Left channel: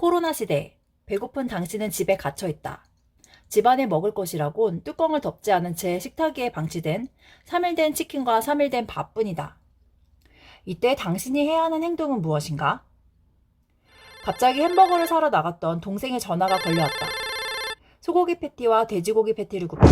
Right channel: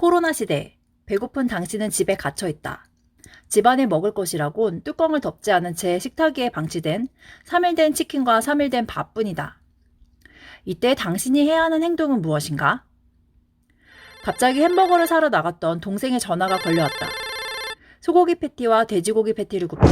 코로나 시대, 배고픈 당신은 집에 갇혀 있다. 집안에 먹을 것이라곤 뚜껑을 덮지 않은 채 식탁 위에 방치된 3일 된 치킨과 3일 된 밥뿐이다. 이때 당신이 해야 하는 행동은 무엇인가? 갑자기 햄버거를 사러 나갔던 동생의 전화가 걸려왔다. 소고기 패티와 돼지고기 패티를 굽던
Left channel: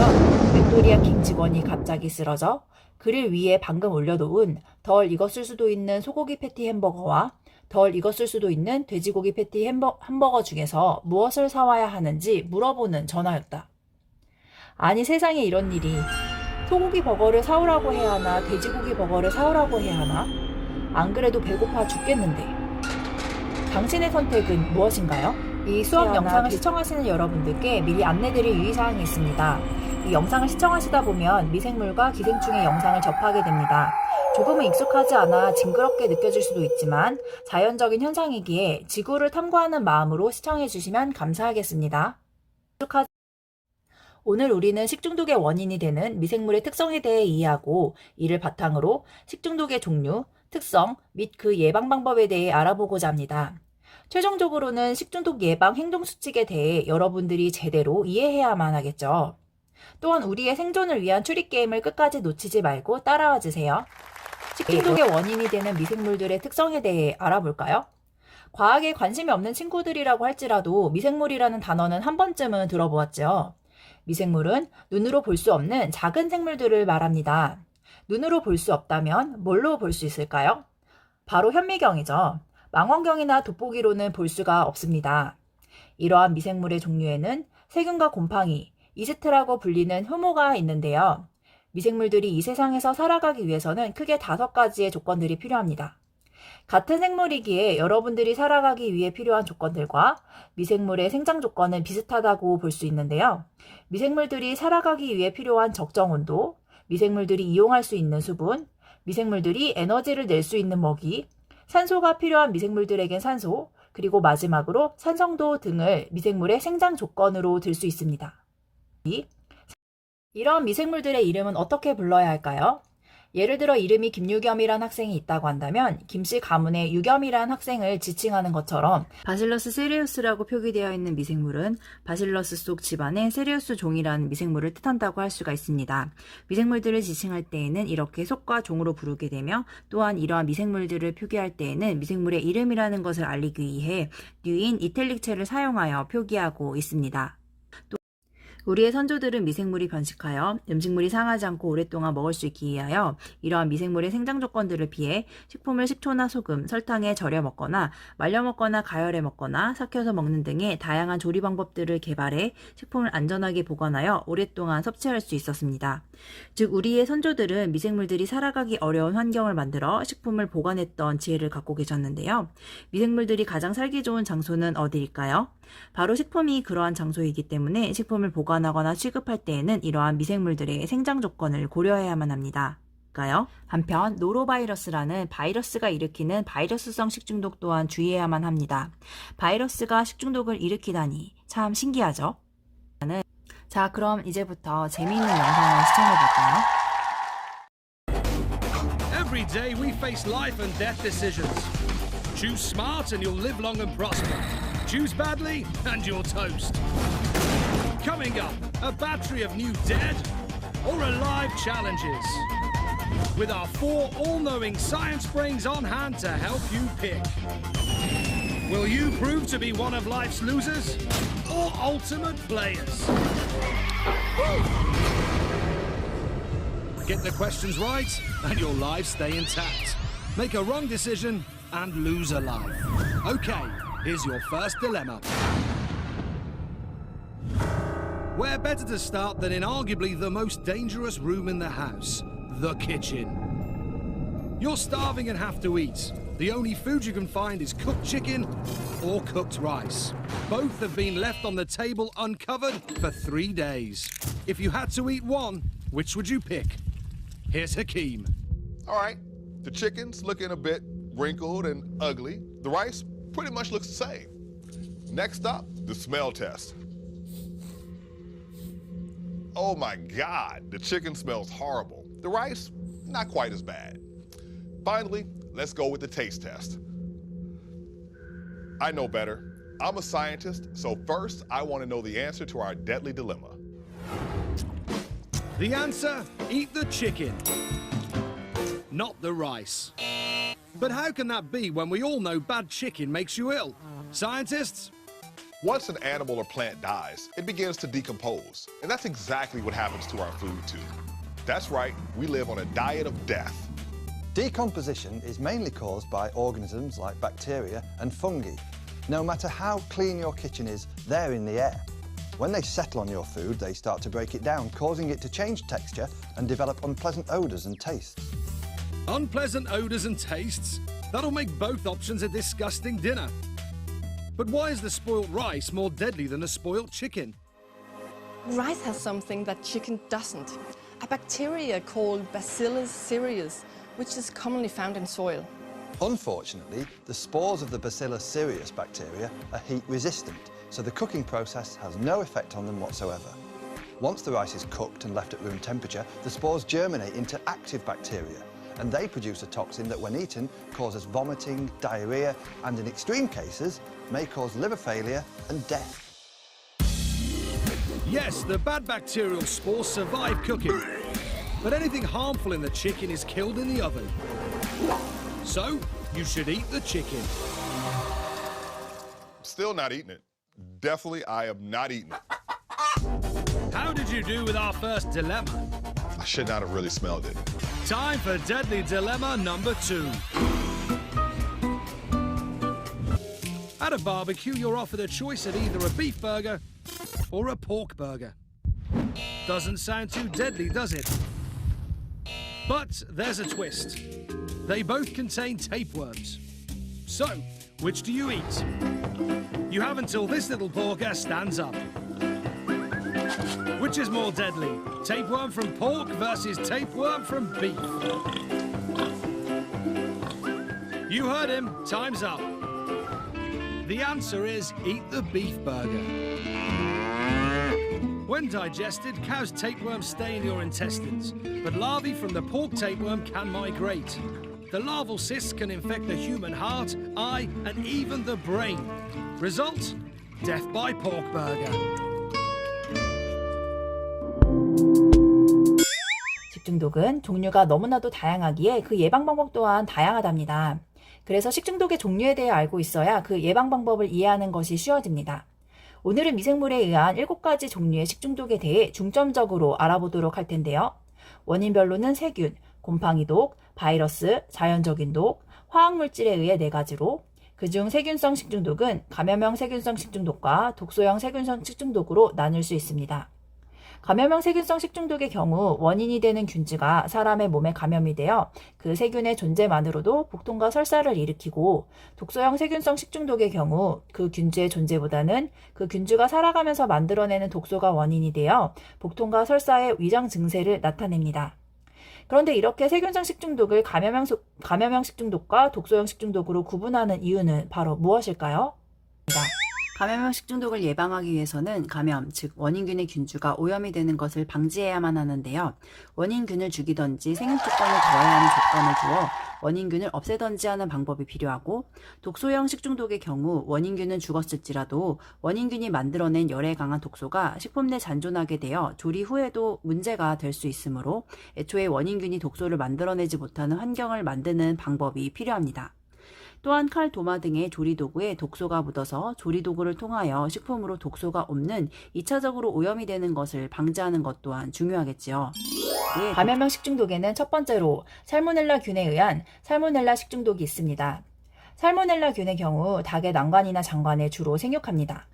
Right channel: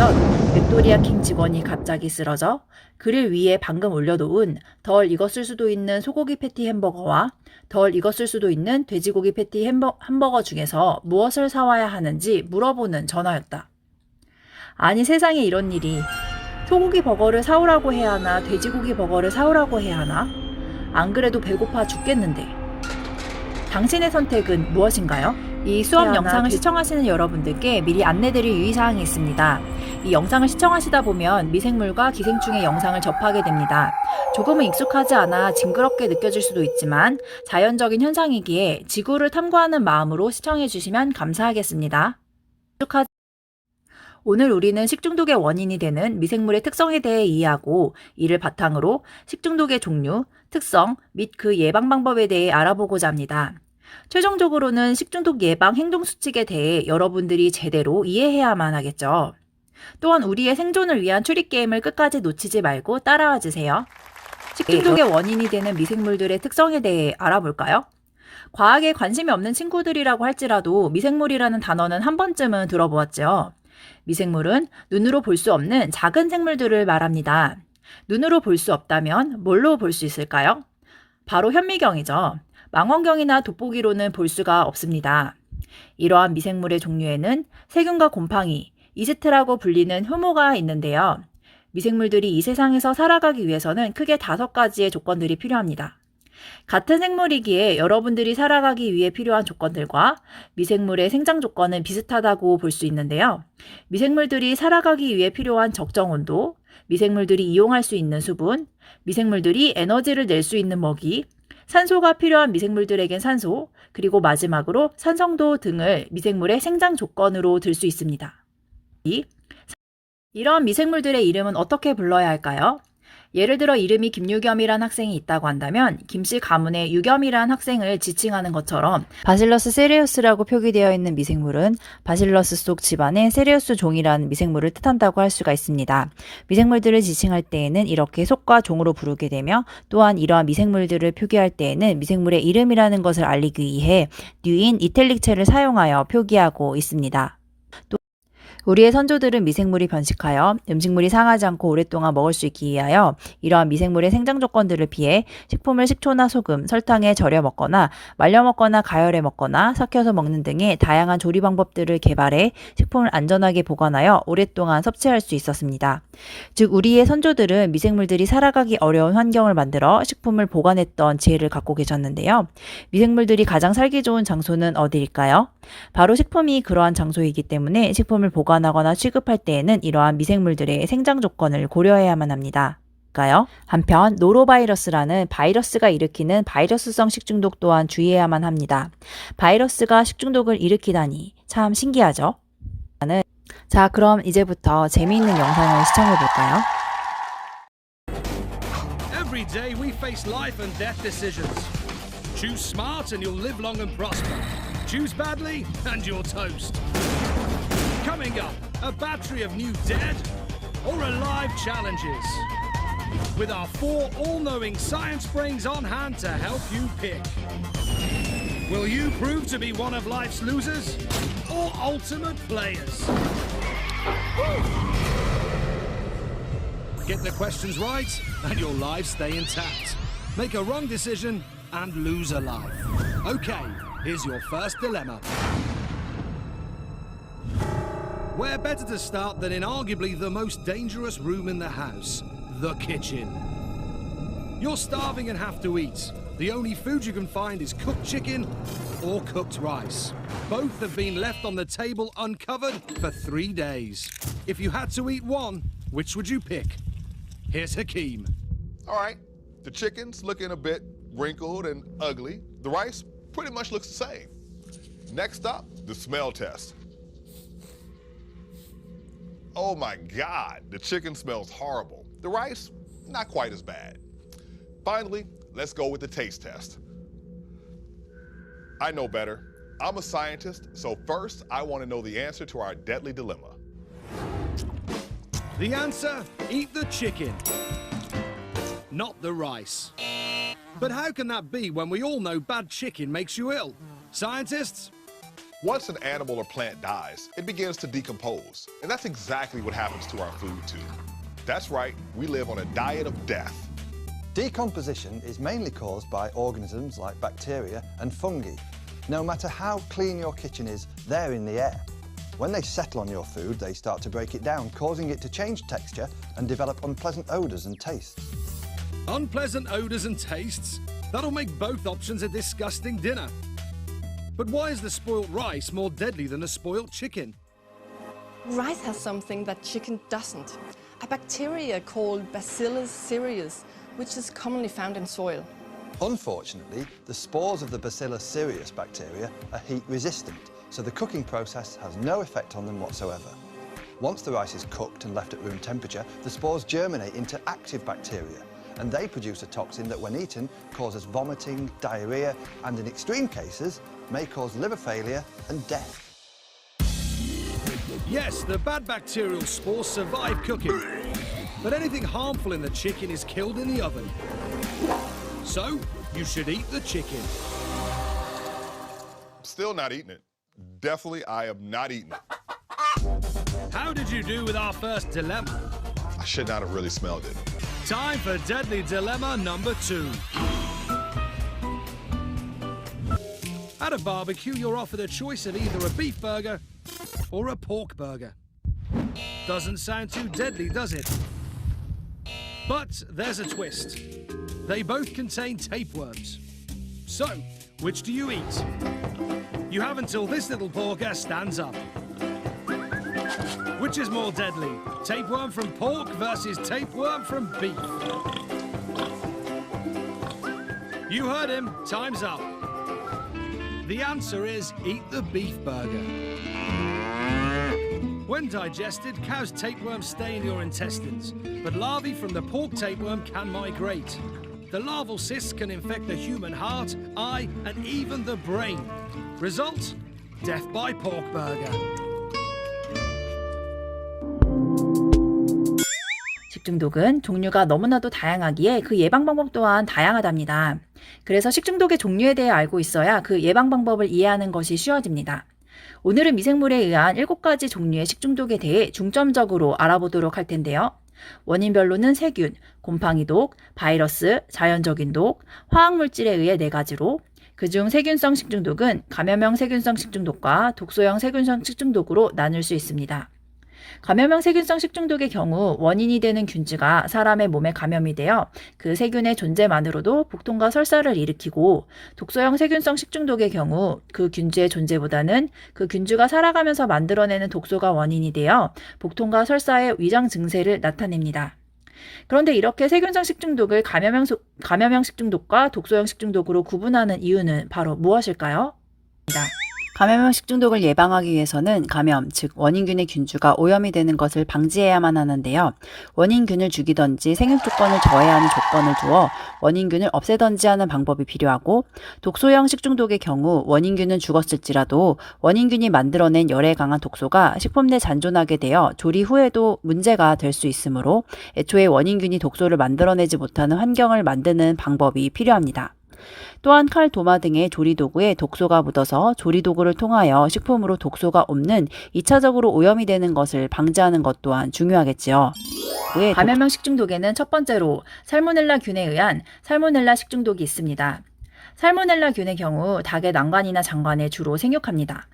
맥도리아 킹 직원이 갑자기 쓰러져 그릴 위에 방금 올려놓은 덜 익었을 수도 있는 소고기 패티 햄버거와 덜 익었을 수도 있는 돼지고기 패티 햄버, 햄버거 중에서 무엇을 사와야 하는지 물어보는 전화였다. 아니 세상에 이런 일이 소고기 버거를 사오라고 해야 하나 돼지고기 버거를 사오라고 해야 하나 안 그래도 배고파 죽겠는데 당신의 선택은 무엇인가요? 이 수업 영상을 돼- 시청하시는 여러분들께 미리 안내드릴 유의사항이 있습니다. 이 영상을 시청하시다 보면 미생물과 기생충의 영상을 접하게 됩니다. 조금은 익숙하지 않아 징그럽게 느껴질 수도 있지만 자연적인 현상이기에 지구를 탐구하는 마음으로 시청해 주시면 감사하겠습니다. 오늘 우리는 식중독의 원인이 되는 미생물의 특성에 대해 이해하고 이를 바탕으로 식중독의 종류, 특성 및 그 예방 방법에 대해 알아보고자 합니다. 최종적으로는 식중독 예방 행동 수칙에 대해 여러분들이 제대로 이해해야만 하겠죠. 또한 우리의 생존을 위한 추리 게임을 끝까지 놓치지 말고 따라와 주세요. 식중독의 원인이 되는 미생물들의 특성에 대해 알아볼까요? 과학에 관심이 없는 친구들이라고 할지라도 미생물이라는 단어는 한 번쯤은 들어보았죠. 미생물은 눈으로 볼 수 없는 작은 생물들을 말합니다. 눈으로 볼 수 없다면 뭘로 볼 수 있을까요? 바로 현미경이죠. 망원경이나 돋보기로는 볼 수가 없습니다. 이러한 미생물의 종류에는 세균과 곰팡이, 이스트라고 불리는 효모가 있는데요. 미생물들이 이 세상에서 살아가기 위해서는 크게 다섯 가지의 조건들이 필요합니다. 같은 생물이기에 여러분들이 살아가기 위해 필요한 조건들과 미생물의 생장 조건은 비슷하다고 볼 수 있는데요. 미생물들이 살아가기 위해 필요한 적정 온도, 미생물들이 이용할 수 있는 수분, 미생물들이 에너지를 낼 수 있는 먹이, 산소가 필요한 미생물들에겐 산소, 그리고 마지막으로 산성도 등을 미생물의 생장 조건으로 들 수 있습니다. 이 이런 미생물들의 이름은 어떻게 불러야 할까요? 예를 들어 이름이 김유겸이란 학생이 있다고 한다면 김씨 가문의 유겸이란 학생을 지칭하는 것처럼 바실러스 세리우스라고 표기되어 있는 미생물은 바실러스 속 집안의 세리우스 종이라는 미생물을 뜻한다고 할 수가 있습니다. 미생물들을 지칭할 때에는 이렇게 속과 종으로 부르게 되며 또한 이러한 미생물들을 표기할 때에는 미생물의 이름이라는 것을 알리기 위해 뉴인 이텔릭체를 사용하여 표기하고 있습니다. 우리의 선조들은 미생물이 번식하여 음식물이 상하지 않고 오랫동안 먹을 수 있기 위하여 이러한 미생물의 생장 조건들을 피해 식품을 식초나 소금, 설탕에 절여 먹거나 말려 먹거나 가열해 먹거나 삭혀서 먹는 등의 다양한 조리 방법들을 개발해 식품을 안전하게 보관하여 오랫동안 섭취할 수 있었습니다. 즉 우리의 선조들은 미생물들이 살아가기 어려운 환경을 만들어 식품을 보관했던 지혜를 갖고 계셨는데요. 미생물들이 가장 살기 좋은 장소는 어디일까요? 바로 식품이 그러한 장소이기 때문에 식품을 보관하거나 취급할 때에는 이러한 미생물들의 생장 조건을 고려해야만 합니다. 한편 노로바이러스라는 바이러스가 일으키는 바이러스성 식중독 또한 주의해야만 합니다. 바이러스가 식중독을 일으키다니 참 신기하죠? 자, 그럼 이제부터 재미있는 영상을 시청해 볼까요? Every day we face life and death decisions. Choose smart and you'll live long and prosper. Choose badly and you're toast. Coming up, a battery of new dead or alive challenges. With our four all knowing science brains on hand to help you pick. Will you prove to be one of life's losers or ultimate players? Get the questions right, and your lives stay intact. Make a wrong decision and lose a life. Okay, here's your first dilemma. Where better to start than in arguably the most dangerous room in the house the kitchen? You're starving and have to eat. The only food you can find is cooked chicken or cooked rice. Both have been left on the table uncovered for three days. If you had to eat one, which would you pick? Here's Hakeem. All right, the chicken's looking a bit wrinkled and ugly. The rice pretty much looks the same. Next up, the smell test. Oh my God, the chicken smells horrible. The rice, not quite as bad. Finally, let's go with the taste test. I know better. I'm a scientist, so first I want to know the answer to our deadly dilemma. The answer eat the chicken, not the rice. But how can that be when we all know bad chicken makes you ill? Scientists? Once an animal or plant dies, it begins to decompose. And that's exactly what happens to our food, too. That's right, we live on a diet of death. Decomposition is mainly caused by organisms like bacteria and fungi. No matter how clean your kitchen is, they're in the air. When they settle on your food, they start to break it down, causing it to change texture and develop unpleasant odours and tastes. Unpleasant odours and tastes? That'll make both options a disgusting dinner. But why is the spoilt rice more deadly than a spoilt chicken? Rice has something that chicken doesn't a bacteria called Bacillus cereus, which is commonly found in soil. Unfortunately, the spores of the Bacillus cereus bacteria are heat resistant, so the cooking process has no effect on them whatsoever. Once the rice is cooked and left at room temperature, the spores germinate into active bacteria, and they produce a toxin that, when eaten, causes vomiting, diarrhea, and in extreme cases, may cause liver failure and death. Yes, the bad bacterial spores survive cooking, but anything harmful in the chicken is killed in the oven. So, you should eat the chicken. Still not eating it. Definitely, I am not eating it. How did you do with our first dilemma? I should not have really smelled it. Time for Deadly Dilemma number two. At a barbecue, you're offered a choice of either a beef burger or a pork burger. Doesn't sound too deadly, does it? But there's a twist. They both contain tapeworms. So, which do you eat? You have until this little porker stands up. Which is more deadly? Tapeworm from pork versus tapeworm from beef. You heard him. Time's up. The answer is eat the beef burger. When digested, cow's tapeworms stay in your intestines, but larvae from the pork tapeworm can migrate. The larval cysts can infect the human heart, eye, and even the brain. Result? Death by pork burger. 중독은 종류가 너무나도 다양하기에 그 예방 방법 또한 다양하답니다. 그래서 식중독의 종류에 대해 알고 있어야 그 예방 방법을 이해하는 것이 쉬워집니다. 오늘은 미생물에 의한 7가지 종류의 식중독에 대해 중점적으로 알아보도록 할 텐데요. 원인별로는 세균, 곰팡이 독, 바이러스, 자연적인 독, 화학물질에 의해 4가지로 그중 세균성 식중독은 감염형 세균성 식중독과 독소형 세균성 식중독으로 나눌 수 있습니다. 감염형 세균성 식중독의 경우 원인이 되는 균주가 사람의 몸에 감염이 되어 그 세균의 존재만으로도 복통과 설사를 일으키고 독소형 세균성 식중독의 경우 그 균주의 존재보다는 그 균주가 살아가면서 만들어내는 독소가 원인이 되어 복통과 설사의 위장 증세를 나타냅니다. 그런데 이렇게 세균성 식중독을 감염형, 소- 감염형 식중독과 독소형 식중독으로 구분하는 이유는 바로 무엇일까요? 감염형 식중독을 예방하기 위해서는 감염, 즉 원인균의 균주가 오염이 되는 것을 방지해야만 하는데요. 원인균을 죽이던지 생육 조건을 더해야 하는 조건을 두어 원인균을 없애던지 하는 방법이 필요하고 독소형 식중독의 경우 원인균은 죽었을지라도 원인균이 만들어낸 열에 강한 독소가 식품 내 잔존하게 되어 조리 후에도 문제가 될 수 있으므로 애초에 원인균이 독소를 만들어내지 못하는 환경을 만드는 방법이 필요합니다. 또한 칼, 도마 등의 조리도구에 독소가 묻어서 조리도구를 통하여 식품으로 독소가 없는 2차적으로 오염이 되는 것을 방지하는 것 또한 중요하겠지요. 감염형 식중독에는 첫 번째로 살모넬라 균에 의한 살모넬라 식중독이 있습니다. 살모넬라 균의 경우 닭의 난관이나 장관에 주로 생육합니다.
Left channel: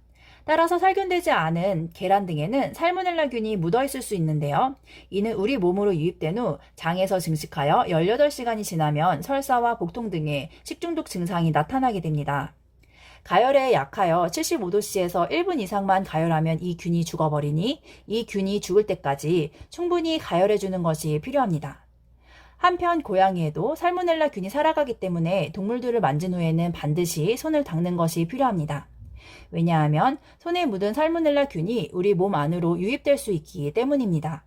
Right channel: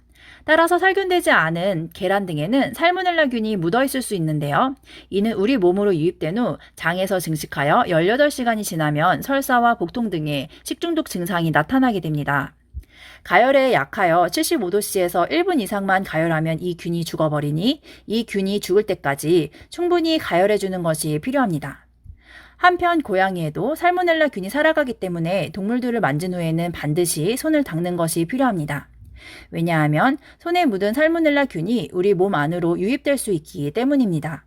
따라서 살균되지 않은 계란 등에는 살모넬라균이 묻어 있을 수 있는데요. 이는 우리 몸으로 유입된 후 장에서 증식하여 18시간이 지나면 설사와 복통 등의 식중독 증상이 나타나게 됩니다. 가열에 약하여 75도씨에서 1분 이상만 가열하면 이 균이 죽어버리니 이 균이 죽을 때까지 충분히 가열해 주는 것이 필요합니다. 한편 고양이에도 살모넬라 균이 살아가기 때문에 동물들을 만진 후에는 반드시 손을 닦는 것이 필요합니다. 왜냐하면 손에 묻은 살모넬라 균이 우리 몸 안으로 유입될 수 있기 때문입니다.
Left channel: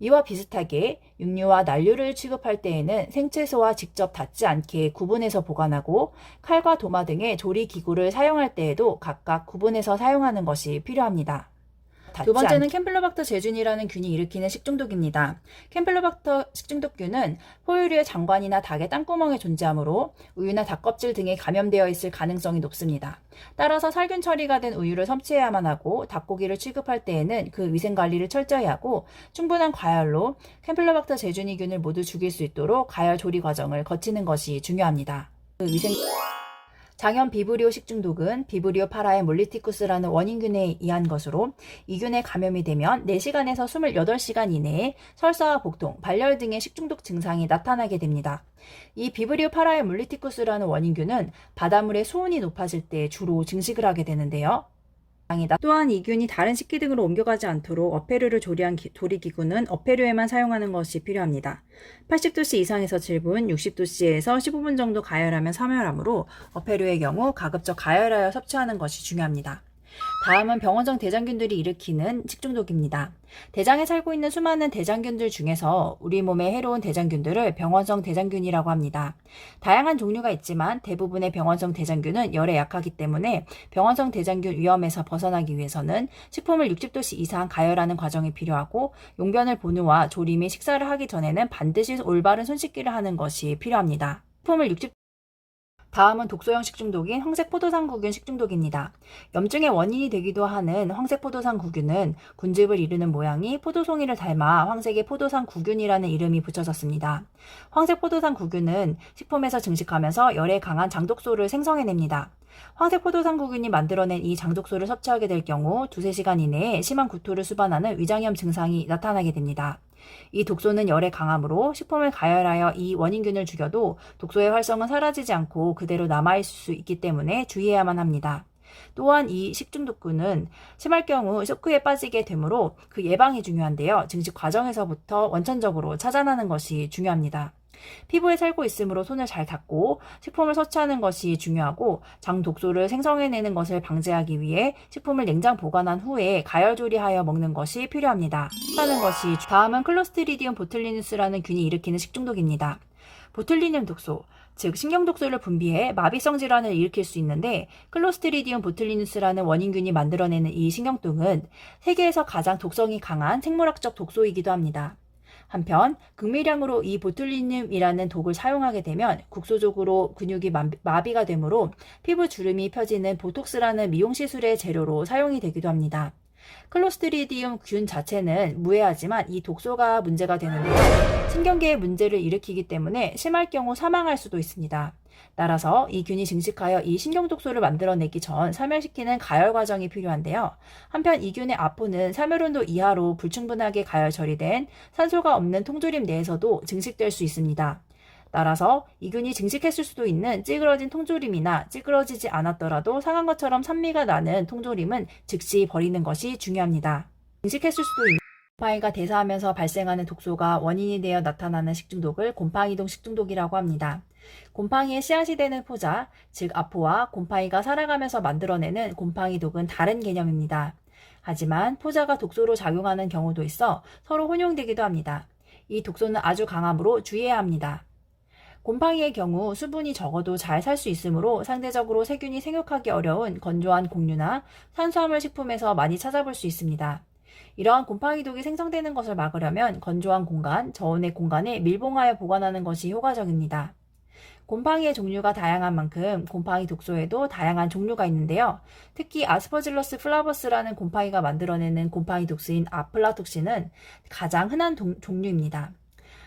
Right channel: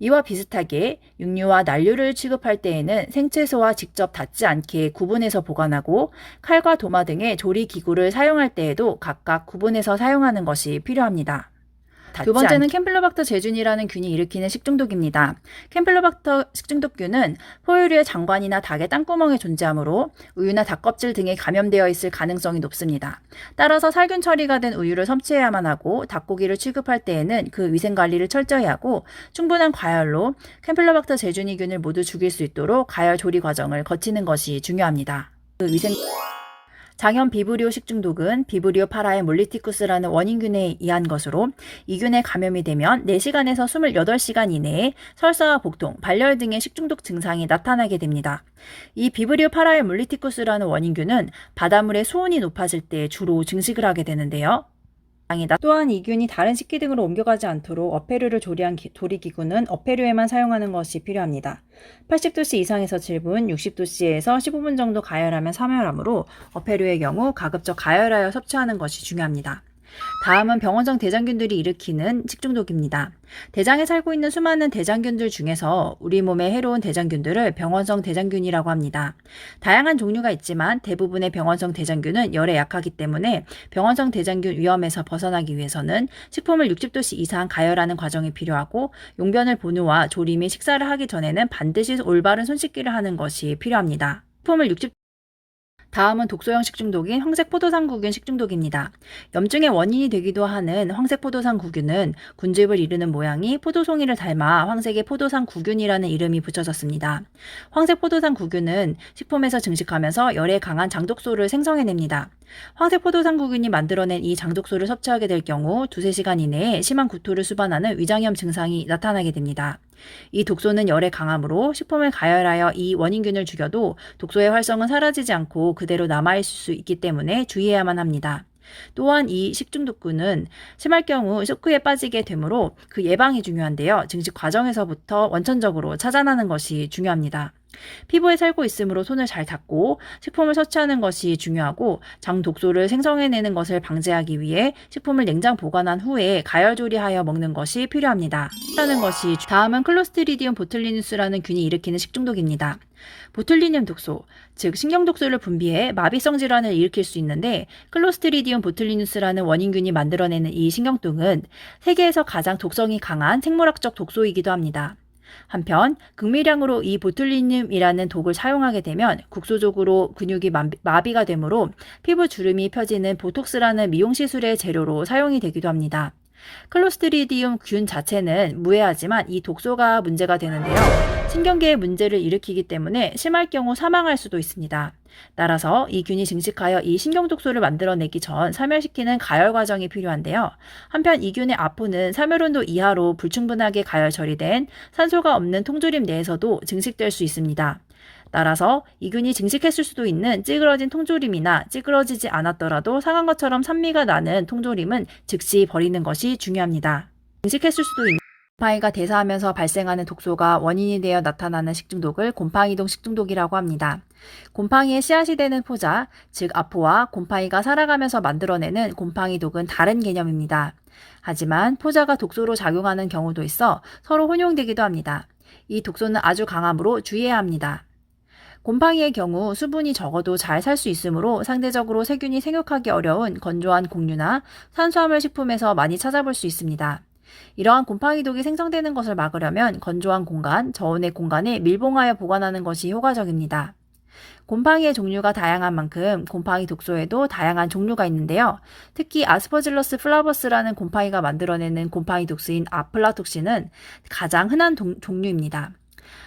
이와 비슷하게 육류와 난류를 취급할 때에는 생채소와 직접 닿지 않게 구분해서 보관하고 칼과 도마 등의 조리 기구를 사용할 때에도 각각 구분해서 사용하는 것이 필요합니다. 두 번째는 캠플로박터 제균이라는 균이 일으키는 식중독입니다. 캠플로박터 식중독균은 포유류의 장관이나 닭의 땅구멍에 존재하므로 우유나 닭껍질 등에 감염되어 있을 가능성이 높습니다. 따라서 살균 처리가 된 우유를 섭취해야만 하고 닭고기를 취급할 때에는 그 위생 관리를 철저히 하고 충분한 과열로 캠플로박터 제균이균을 모두 죽일 수 있도록 가열 조리 과정을 거치는 것이 중요합니다. 그 위생 장염 비브리오 식중독은 비브리오 파라의 몰리티쿠스라는 원인균에 의한 것으로 이 균에 감염이 되면 4시간에서 28시간 이내에 설사와 복통, 발열 등의 식중독 증상이 나타나게 됩니다. 이 비브리오 파라의 몰리티쿠스라는 원인균은 바닷물의 수온이 높아질 때 주로 증식을 하게 되는데요. 이다. 또한 이 균이 다른 식기 등으로 옮겨가지 않도록 어패류를 조리한 기- 조리기구는 어패류에만 사용하는 것이 필요합니다. 80도씨 이상에서 7분, 60도씨에서 15분 정도 가열하면 사멸하므로 어패류의 경우 가급적 가열하여 섭취하는 것이 중요합니다. 다음은 병원성 대장균들이 일으키는 식중독입니다. 대장에 살고 있는 수많은 대장균들 중에서 우리 몸에 해로운 대장균들을 병원성 대장균이라고 합니다. 다양한 종류가 있지만 대부분의 병원성 대장균은 열에 약하기 때문에 병원성 대장균 위험에서 벗어나기 위해서는 식품을 60도씨 이상 가열하는 과정이 필요하고 용변을 조리 및 식사를 하기 전에는 반드시 올바른 손 씻기를 하는 것이 필요합니다. 식품을 60 다음은 독소형 식중독인 황색 포도상구균 식중독입니다. 염증의 원인이 되기도 하는 황색 포도상구균은 군집을 이루는 모양이 포도송이를 닮아 황색의 포도상구균이라는 이름이 붙여졌습니다. 황색 포도상구균은 식품에서 증식하면서 열에 강한 장독소를 생성해냅니다. 황색 포도상구균이 만들어낸 이 장독소를 섭취하게 될 경우 두세 시간 이내에 심한 구토를 수반하는 위장염 증상이 나타나게 됩니다. 이 독소는 열에 강하므로 식품을 가열하여 이 원인균을 죽여도 독소의 활성은 사라지지 않고 그대로 남아있을 수 있기 때문에 주의해야만 합니다. 또한 이 식중독균은 심할 경우 쇼크에 빠지게 되므로 그 예방이 중요한데요. 증식 과정에서부터 원천적으로 차단하는 것이 중요합니다. 피부에 살고 있으므로 손을 잘 닦고 식품을 섭취하는 것이 중요하고 장 독소를 생성해내는 것을 방지하기 위해 식품을 냉장 보관한 후에 가열 조리하여 먹는 것이 필요합니다. 하는 것이 주- 다음은 클로스트리디움 보틀리누스라는 균이 일으키는 식중독입니다. 보툴리늄 독소, 즉 신경 독소를 분비해 마비성 질환을 일으킬 수 있는데 클로스트리디움 보툴리누스라는 원인균이 만들어내는 이 신경독은 세계에서 가장 독성이 강한 생물학적 독소이기도 합니다. 한편 극미량으로 이 보툴리늄이라는 독을 사용하게 되면 국소적으로 근육이 마비- 마비가 되므로 피부 주름이 펴지는 보톡스라는 미용 시술의 재료로 사용이 되기도 합니다. 클로스트리디움 균 자체는 무해하지만 이 독소가 문제가 되는데요. 신경계에 문제를 일으키기 때문에 심할 경우 사망할 수도 있습니다. 따라서 이 균이 증식하여 이 신경독소를 만들어내기 전 사멸시키는 가열 과정이 필요한데요. 한편 이 균의 아포는 사멸온도 이하로 불충분하게 가열 처리된 산소가 없는 통조림 내에서도 증식될 수 있습니다. 따라서 이 균이 증식했을 수도 있는 찌그러진 통조림이나 찌그러지지 않았더라도 상한 것처럼 산미가 나는 통조림은 즉시 버리는 것이 중요합니다. 증식했을 수도 있는 곰팡이가 대사하면서 발생하는 독소가 원인이 되어 나타나는 식중독을 곰팡이동 식중독이라고 합니다. 곰팡이의 씨앗이 되는 포자, 즉 아포와 곰팡이가 살아가면서 만들어내는 곰팡이독은 다른 개념입니다. 하지만 포자가 독소로 작용하는 경우도 있어 서로 혼용되기도 합니다. 이 독소는 아주 강하므로 주의해야 합니다. 곰팡이의 경우 수분이 적어도 잘 살 수 있으므로 상대적으로 세균이 생육하기 어려운 건조한 곡류나 탄수화물 식품에서 많이 찾아볼 수 있습니다. 이러한 곰팡이 독이 생성되는 것을 막으려면 건조한 공간, 저온의 공간에 밀봉하여 보관하는 것이 효과적입니다. 곰팡이의 종류가 다양한 만큼 곰팡이 독소에도 다양한 종류가 있는데요. 특히 아스퍼질러스 플라버스라는 곰팡이가 만들어내는 곰팡이 독소인 아플라톡신은 가장 흔한 동- 종류입니다.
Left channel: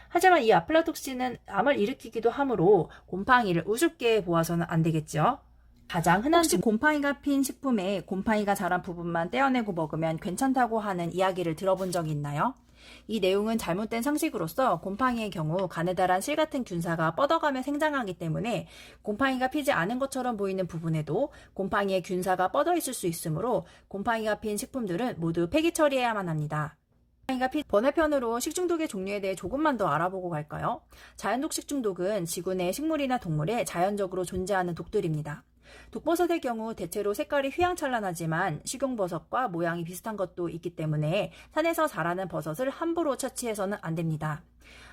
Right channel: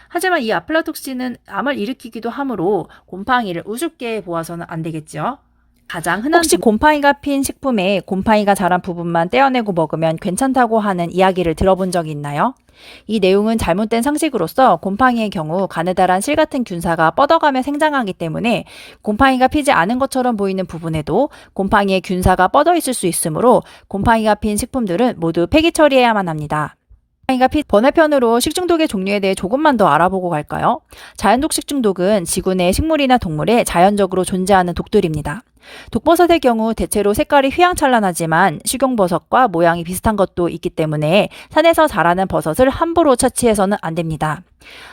하지만 이 아플라톡신은 암을 일으키기도 하므로 곰팡이를 우습게 보아서는 안 되겠죠. 가장 흔한 혹시 곰팡이가 핀 식품에 곰팡이가 자란 부분만 떼어내고 먹으면 괜찮다고 하는 이야기를 들어본 적이 있나요? 이 내용은 잘못된 상식으로서 곰팡이의 경우 가느다란 실 같은 균사가 뻗어가며 생장하기 때문에 곰팡이가 피지 않은 것처럼 보이는 부분에도 곰팡이의 균사가 뻗어 있을 수 있으므로 곰팡이가 핀 식품들은 모두 폐기 처리해야만 합니다. 피 번외편으로 식중독의 종류에 대해 조금만 더 알아보고 갈까요? 자연독 식중독은 지구 내 식물이나 동물에 자연적으로 존재하는 독들입니다. 독버섯의 경우 대체로 색깔이 휘황찬란하지만 식용버섯과 모양이 비슷한 것도 있기 때문에 산에서 자라는 버섯을 함부로 채취해서는 안 됩니다.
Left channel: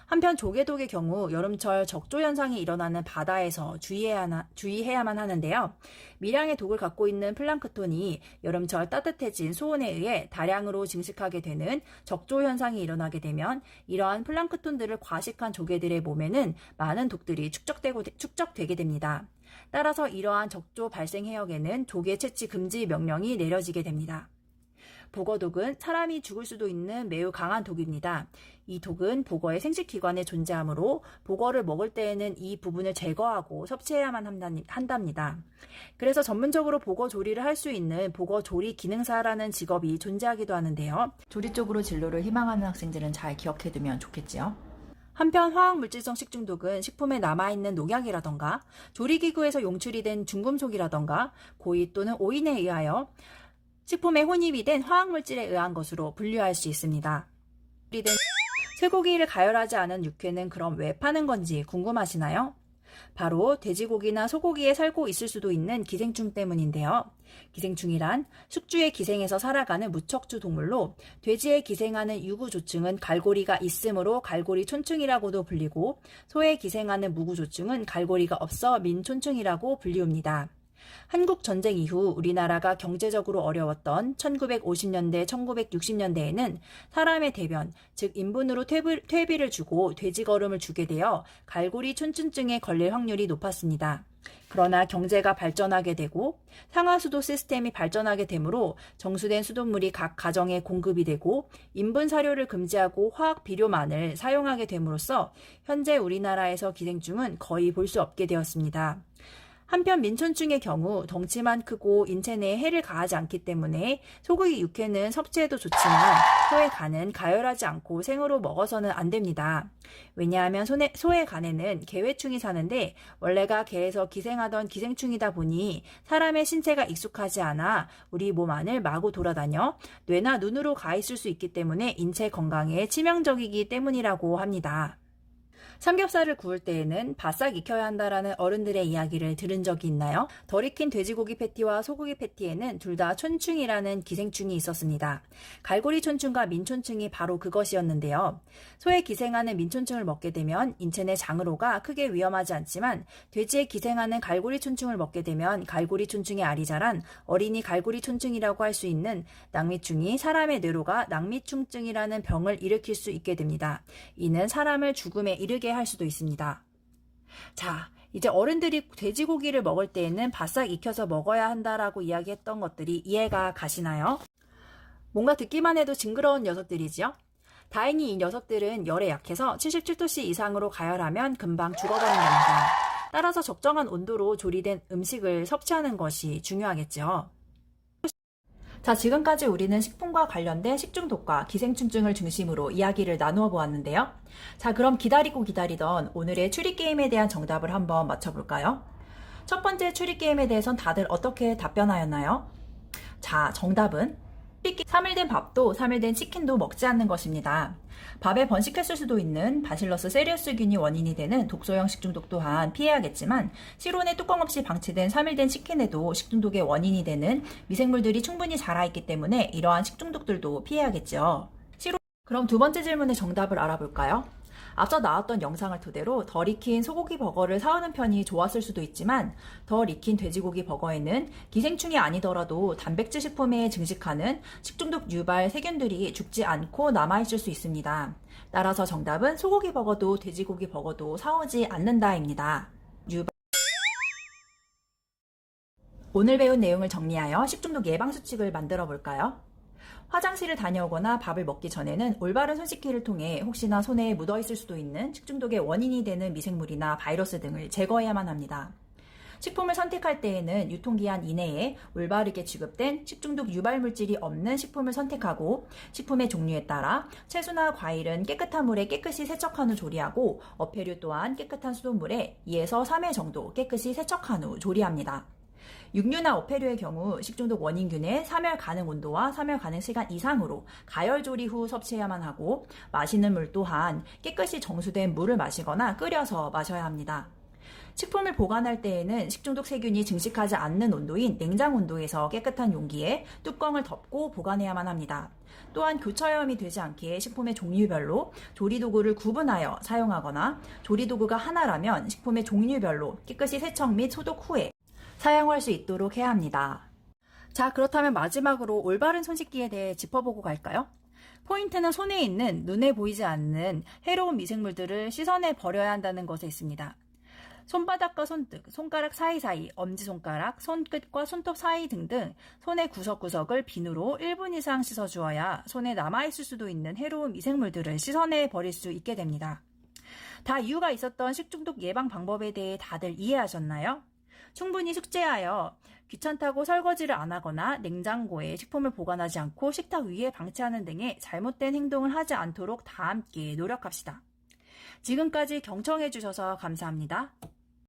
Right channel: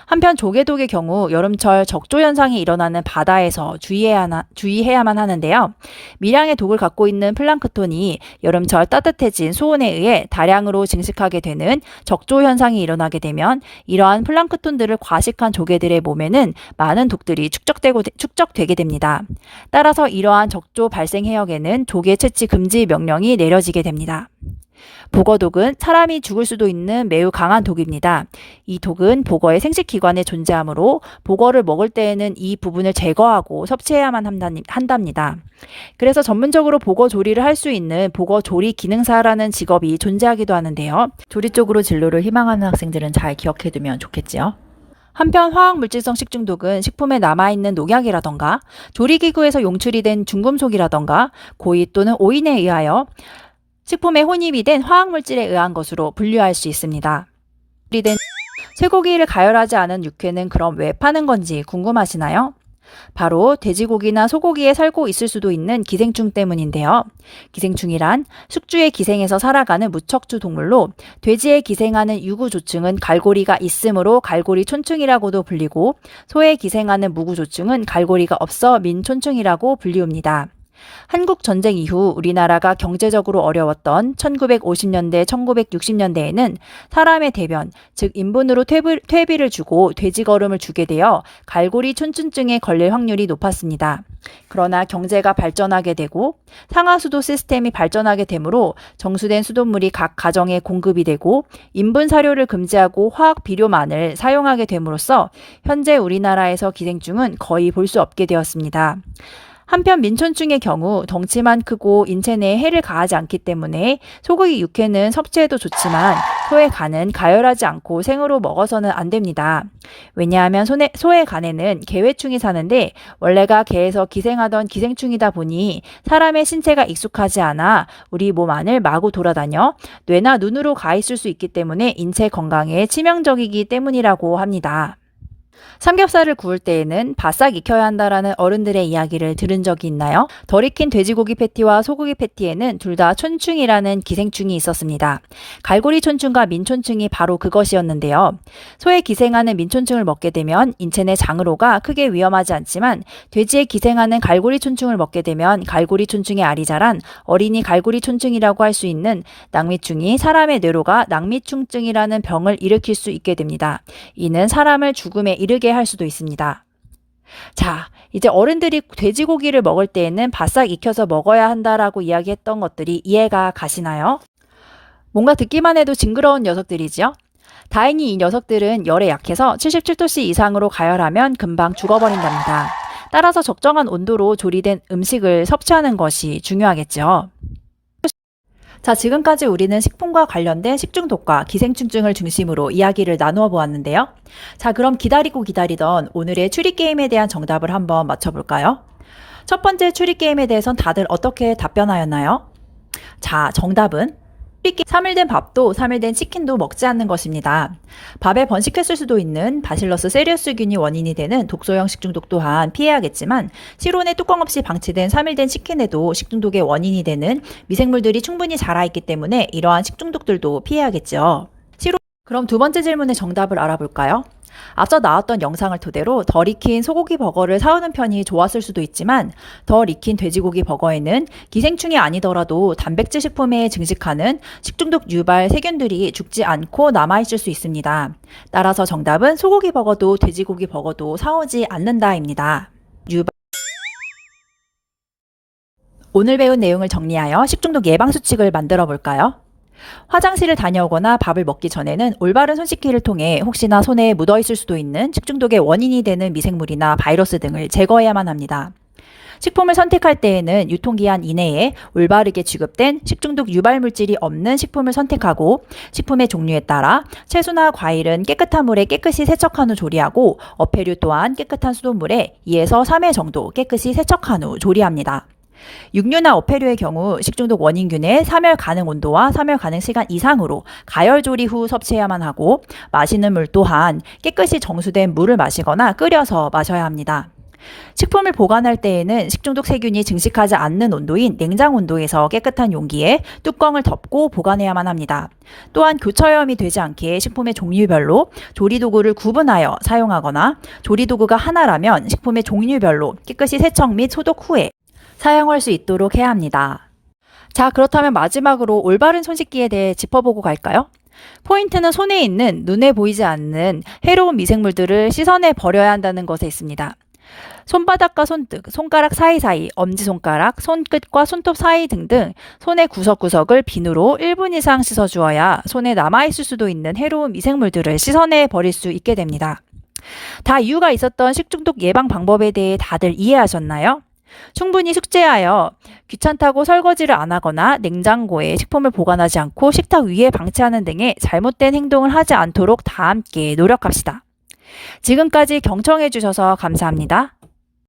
한편 조개독의 경우 여름철 적조 현상이 일어나는 바다에서 주의해야 주의해야만 하는데요. 미량의 독을 갖고 있는 플랑크톤이 여름철 따뜻해진 수온에 의해 다량으로 증식하게 되는 적조 현상이 일어나게 되면 이러한 플랑크톤들을 과식한 조개들의 몸에는 많은 독들이 축적되고 축적되게 됩니다. 따라서 이러한 적조 발생 해역에는 조개 채취 금지 명령이 내려지게 됩니다. 복어독은 사람이 죽을 수도 있는 매우 강한 독입니다. 이 독은 복어의 생식기관에 존재하므로 복어를 먹을 때에는 이 부분을 제거하고 섭취해야만 한답니다. 그래서 전문적으로 복어 조리를 할 수 있는 복어 조리 기능사라는 직업이 존재하기도 하는데요. 조리 쪽으로 진로를 희망하는 학생들은 잘 기억해두면 좋겠지요. 한편 화학물질성 식중독은 식품에 남아있는 농약이라던가 조리기구에서 용출이 된 중금속이라던가 고의 또는 오인에 의하여 식품에 혼입이 된 화학물질에 의한 것으로 분류할 수 있습니다. 된 쇠고기를 가열하지 않은 육회는 그럼 왜 파는 건지 궁금하시나요? 바로 돼지고기나 소고기에 살고 있을 수도 있는 기생충 때문인데요. 기생충이란 숙주의 기생에서 살아가는 무척주 동물로 돼지에 기생하는 유구조충은 갈고리가 있으므로 갈고리 촌충이라고도 불리고 소에 기생하는 무구조충은 갈고리가 없어 민촌충이라고 불리웁니다. 한국 전쟁 이후 우리나라가 경제적으로 어려웠던 1950년대, 1960년대에는 사람의 대변, 즉 인분으로 퇴비, 퇴비를 주고 돼지거름을 주게 되어 갈고리 촌춘증에 걸릴 확률이 높았습니다. 그러나 경제가 발전하게 되고 상하수도 시스템이 발전하게 되므로 정수된 수돗물이 각 가정에 공급이 되고 인분 사료를 금지하고 화학 비료만을 사용하게 됨으로써 현재 우리나라에서 기생충은 거의 볼 수 없게 되었습니다. 한편 민촌충의 경우 덩치만 크고 인체 내에 해를 가하지 않기 때문에 소고기 육회는 섭취해도 좋지만 소의 간은 가열하지 않고 생으로 먹어서는 안 됩니다. 왜냐하면 소의, 소의 간에는 개회충이 사는데 원래가 개에서 기생하던 기생충이다 보니 사람의 신체가 익숙하지 않아 우리 몸 안을 마구 돌아다녀 뇌나 눈으로 가 있을 수 있기 때문에 인체 건강에 치명적이기 때문이라고 합니다. 삼겹살을 구울 때에는 바싹 익혀야 한다라는 어른들의 이야기를 들은 적이 있나요? 덜 익힌 돼지고기 패티와 소고기 패티에는 둘 다 촌충이라는 기생충이 있었습니다. 갈고리 촌충과 민촌충이 바로 그것이었는데요. 소에 기생하는 민촌충을 먹게 되면 인체 내 장으로가 크게 위험하지 않지만 돼지에 기생하는 갈고리 촌충을 먹게 되면 갈고리 촌충의 알이 자란 어린이 갈고리 촌충이라고 할 수 있는 낭미충이 사람의 뇌로가 낭미충증이라는 병을 일으킬 수 있게 됩니다. 이는 사람을 죽음에 이르게 할 수도 있습니다. 자, 이제 어른들이 돼지고기를 먹을 때에는 바싹 익혀서 먹어야 한다라고 이야기했던 것들이 이해가 가시나요? 뭔가 듣기만 해도 징그러운 녀석들이지요? 다행히 이 녀석들은 열에 약해서 77도씨 이상으로 가열하면 금방 죽어버린답니다. 따라서 적정한 온도로 조리된 음식을 섭취하는 것이 중요하겠죠. 자, 지금까지 우리는 식품과 관련된 식중독과 기생충증을 중심으로 이야기를 나누어 보았는데요. 자, 그럼 기다리고 기다리던 오늘의 추리 게임에 대한 정답을 한번 맞춰볼까요? 첫 번째 추리 게임에 대해선 다들 어떻게 답변하였나요? 자, 정답은 3일 된 밥도 3일 된 치킨도 먹지 않는 것입니다. 밥에 번식했을 수도 있는 바실러스 세리우스균이 원인이 되는 독소형 식중독 또한 피해야겠지만 실온에 뚜껑 없이 방치된 3일 된 치킨에도 식중독의 원인이 되는 미생물들이 충분히 자라있기 때문에 이러한 식중독들도 피해야겠죠. 그럼 두 번째 질문의 정답을 알아볼까요? 앞서 나왔던 영상을 토대로 덜 익힌 소고기 버거를 사오는 편이 좋았을 수도 있지만 덜 익힌 돼지고기 버거에는 기생충이 아니더라도 단백질 식품에 증식하는 식중독 유발 세균들이 죽지 않고 남아있을 수 있습니다. 따라서 정답은 소고기 버거도 돼지고기 버거도 사오지 않는다입니다. 유발 오늘 배운 내용을 정리하여 식중독 예방 수칙을 만들어 볼까요? 화장실을 다녀오거나 밥을 먹기 전에는 올바른 손 씻기를 통해 혹시나 손에 묻어 있을 수도 있는 식중독의 원인이 되는 미생물이나 바이러스 등을 제거해야만 합니다. 식품을 선택할 때에는 유통기한 이내에 올바르게 취급된 식중독 유발 물질이 없는 식품을 선택하고 식품의 종류에 따라 채소나 과일은 깨끗한 물에 깨끗이 세척한 후 조리하고 어패류 또한 깨끗한 수돗물에 2에서 3회 정도 깨끗이 세척한 후 조리합니다. 육류나 어패류의 경우 식중독 원인균의 사멸 가능 온도와 사멸 가능 시간 이상으로 가열 조리 후 섭취해야만 하고 마시는 물 또한 깨끗이 정수된 물을 마시거나 끓여서 마셔야 합니다. 식품을 보관할 때에는 식중독 세균이 증식하지 않는 온도인 냉장 온도에서 깨끗한 용기에 뚜껑을 덮고 보관해야만 합니다. 또한 교차염이 되지 않게 식품의 종류별로 조리도구를 구분하여 사용하거나 조리도구가 하나라면 식품의 종류별로 깨끗이 세척 및 소독 후에 사용할 수 있도록 해야 합니다. 자, 그렇다면 마지막으로 올바른 손 씻기에 대해 짚어보고 갈까요? 포인트는 손에 있는 눈에 보이지 않는 해로운 미생물들을 씻어내 버려야 한다는 것에 있습니다. 손바닥과 손등, 손가락 사이사이, 엄지손가락, 손끝과 손톱 사이 등등 손의 구석구석을 비누로 1분 이상 씻어주어야 손에 남아있을 수도 있는 해로운 미생물들을 씻어내 버릴 수 있게 됩니다. 다 이유가 있었던 식중독 예방 방법에 대해 다들 이해하셨나요? 충분히 숙제하여 귀찮다고 설거지를 안 하거나 냉장고에 식품을 보관하지 않고 식탁 위에 방치하는 등의 잘못된 행동을 하지 않도록 다 함께 노력합시다. 지금까지 경청해 주셔서 감사합니다.